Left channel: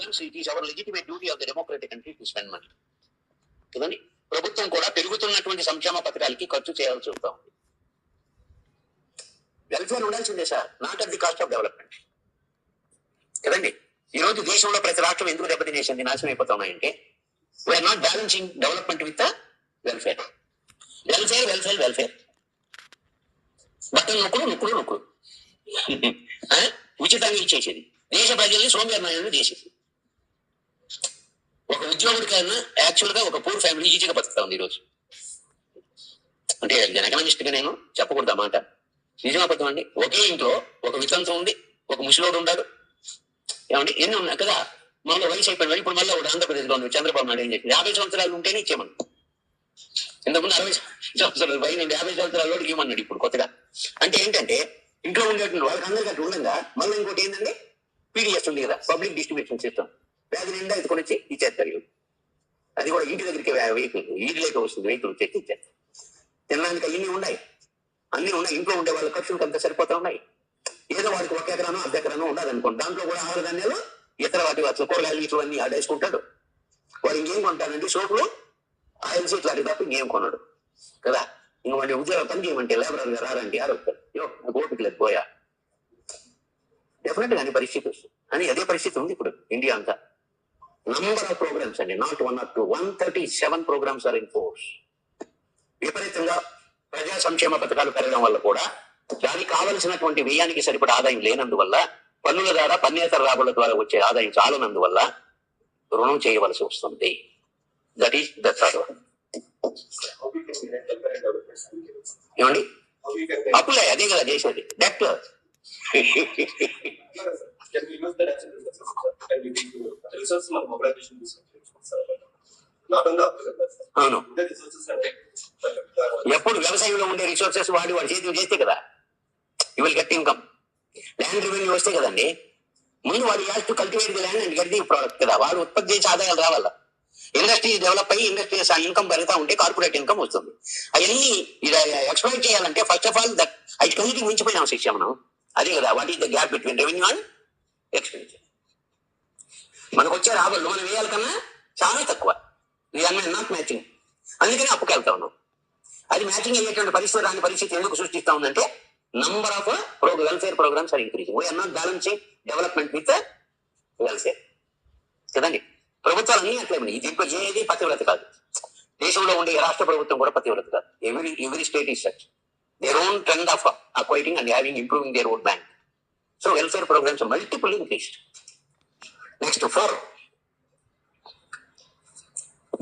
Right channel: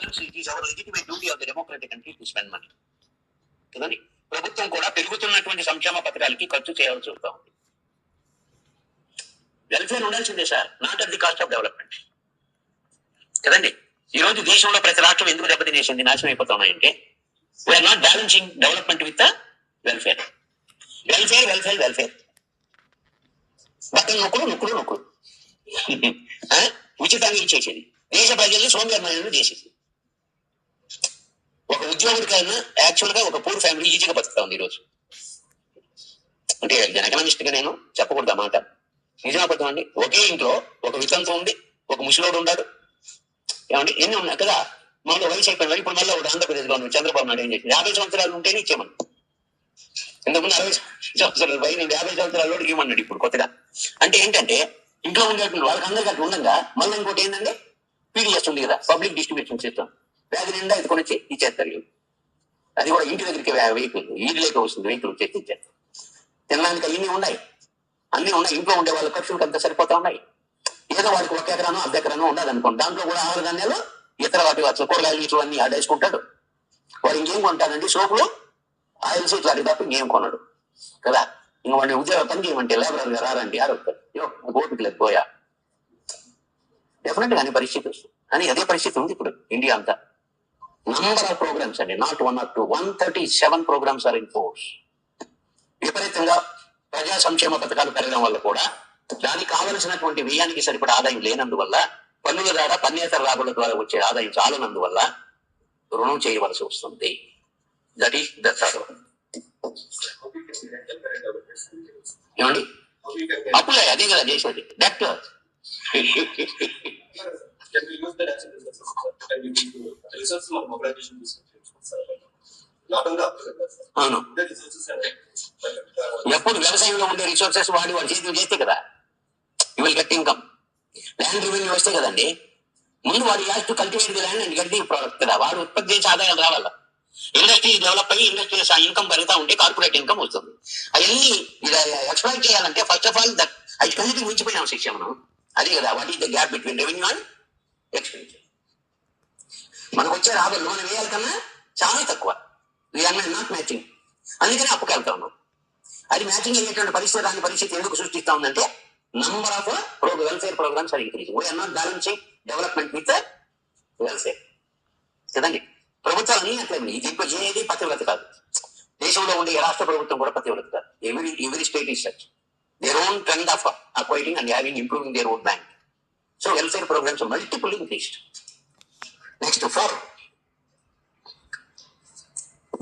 programs, it is our legitimate duty of the democratic country to spend money. కదండి, ప్రభుత్వం కూడా పెరుగుతున్నటువంటి సంక్షేమ పథకాలకి ఖర్చు చేయాల్సి వస్తూ ఉంది. వెల్ఫేర్ ఉండాల్సిందే sir, not at the cost of development కదండి. ఈ రోజు దేశంలో ప్రతి రాష్ట్రం ఎందుకు దెబ్బతినేసింది, నాశనం అయిపోతా ఉన్నాయంటే we're not balancing development with welfare. Welfare welfare welfare, బట్టలు నొక్కులు ఉచితంగా ఇచ్చేసేది, దేశ ప్రజల్ని సోమవారం చేసేది. ఒక ఉద్యోగుడికైనా యాక్చువల్ గా ఒక పూర్ ఫ్యామిలీ ఈజీగా బతుకుతా ఉంది ఈరోజు. అంటే ఎకనామిస్ట్ గా నేను చెప్పకూడదు అన్నమాట, నిజమబద్ధం అండి. ఒకే ఇంట్లో ఒక వితంతం ఉంది, ఒక ముసలోడు ఉన్నాడు, ఏమండి ఎన్ని ఉన్నాయి కదా. మళ్ళీ వయసు అయిపోయిన ఇప్పుడు మళ్ళీ ఒక ఆంధ్రప్రదేశ్ గవర్నమెంట్ చంద్రబాబు నాయుడు ఏం చేసింది, 50 సంవత్సరాలు ఉంటేనే ఇచ్చేమను. ఇంతకుముందు 60 సంవత్సరాలు పైన 50 సంవత్సరాల వాడికి ఇవ్వమన్నాడు ఇప్పుడు కొత్తగా. అంటే ఏంటంటే ఇంట్లో ఉండేటువంటి వాళ్ళకి అందరికీ అట్లా ఉండగా మళ్ళీ ఇంకోటి ఏంటంటే పీడిఎస్ ఉంది కదా, పబ్లిక్ డిస్ట్రిబ్యూషన్ సిస్టమ్, వ్యాధి నిండా ఎత్తుకొని వచ్చి ఇచ్చేస్తారు. అది కూడా ఇంటి దగ్గరికి వెహికల్ ఈడిలోకి వస్తుంది, వెహికల్ వచ్చి ఇచ్చేస్తారు. తినడానికి అన్ని ఉన్నాయి, ఇంట్లో ఉండే వాళ్ళ ఖర్చులకు అంతా సరిపోతా ఉన్నాయి. ఏదో వాడికి 1 ఎకరానో 1/2 ఎకరానో ఉండదు అనుకోండి, దాంట్లో కూడా ఆహార ధాన్యాలు ఇతర వాటి కూరగాయలు ఇట్లు అన్ని ఆడేసుకుంటాడు. వాడు ఇంకేం కొంటాడండి, సోపులు ఆయిల్స్ ఇట్లాంటి తప్ప ఇంకేం కొనడు కదా. ఇంక వాడిని ఉద్యోగ పని చేయమంటే లేబరర్ గా రారండి, ఆరోగ్యం ఓపిక లేదు పోయా, డెఫినెట్ గా అనే పరిస్థితి వస్తుంది. అని అదే పరిస్థితి ఉంది ఇప్పుడు ఇండియా అంతా. నంబర్ ఆఫ్ ప్రోగ్రామ్స్ అండి, not 1 or 2, 137 programs are in force. విపరీతంగా ప్రజా సంక్షేమ పథకాలు పెరగడం వల్ల కూడా దానికి కావలసినటువంటి వ్యయానికి సరిపడా ఆదాయం లేనందువల్ల, పన్నుల ద్వారా పన్నేతర రాబడుల ద్వారా వచ్చే ఆదాయం చాలనందువల్ల రుణం చేయవలసి వస్తుంది. That is the third. ఏమండి అప్పులే అదే కదా చేసేది. దట్ అవును, ఎప్పుడు వ్యవసాయంలో ఉండే రిసోర్సెస్ వాడి చేతులు చేస్తే కదా you will get income. Land revenue వస్తే కదండి, ముందు వాడు has to cultivate the land and get the product కదా, వాడు ఉత్పత్తి చేసే ఆదాయాలు రావాల. ఇండస్ట్రీ డెవలప్ అయ్యి ఇండస్ట్రీస్ ఇన్కమ్ పెరుగుతా ఉంటే కార్పొరేట్ ఇన్కమ్ వస్తుంది. అవన్నీ ఎక్స్ప్లాయిట్ చేయాలంటే ఫస్ట్ ఆఫ్ ఆల్ దట్ అన్నిటికి మించిపోయినాం శిక్ష మనం. అదే కదా what is the gap between revenue and expenditure. మనకు వచ్చే రాబడులు మనం వేయాల కన్నా చాలా తక్కువ, నాట్ మ్యాచింగ్. అందుకని అప్పుకి వెళ్తా ఉన్నాం. అది మ్యాచింగ్ అయ్యేటువంటి పరిస్థితి రాని పరిస్థితి ఎందుకు సృష్టిస్తా ఉందంటే number of welfare programs are increasing. We're not balancing development with welfare కదండి. ప్రభుత్వాలు అన్ని అట్లే ఉన్నాయి. ఇది ఇప్పుడు ఏది పతివ్రత కాదు. దేశంలో ఉండే రాష్ట్ర ప్రభుత్వం కూడా పతివ్రత కాదు. Every state is such their own trend of acquiring and having improving their own bank. So welfare programs multiple increased. Next 4